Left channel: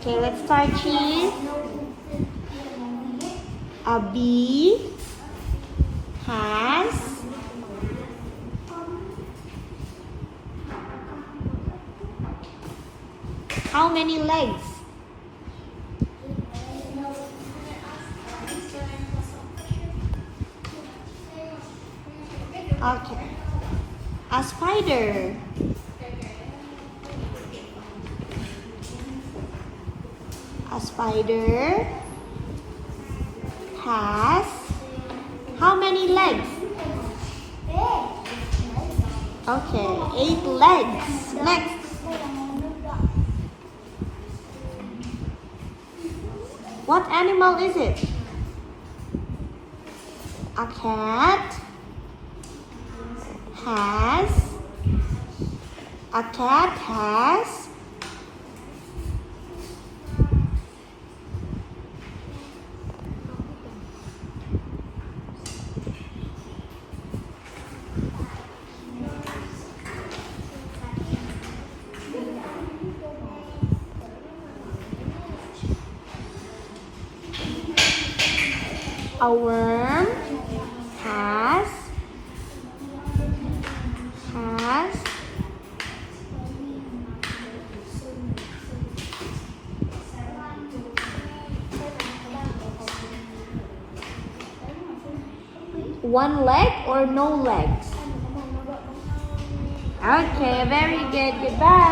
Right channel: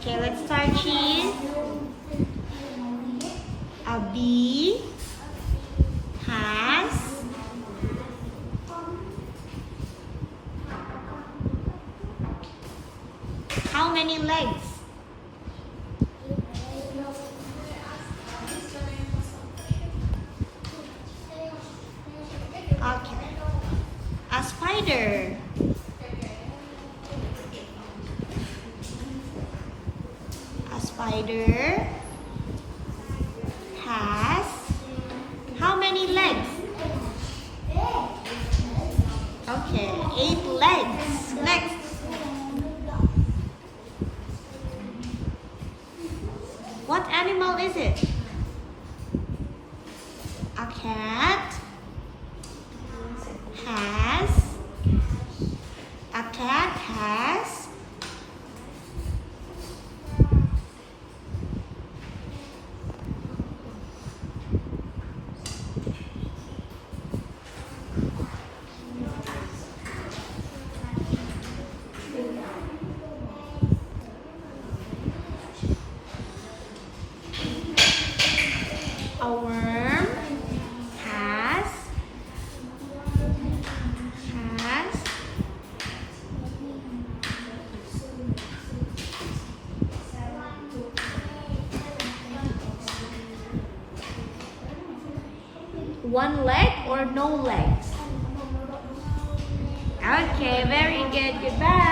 Okay, let's start cheese. A bee has how many legs? Okay. A spider. A spider has how many legs? Okay, 8 legs. Next. What animal is it? A cat has a worm has one leg or no legs? Okay, very good. Goodbye.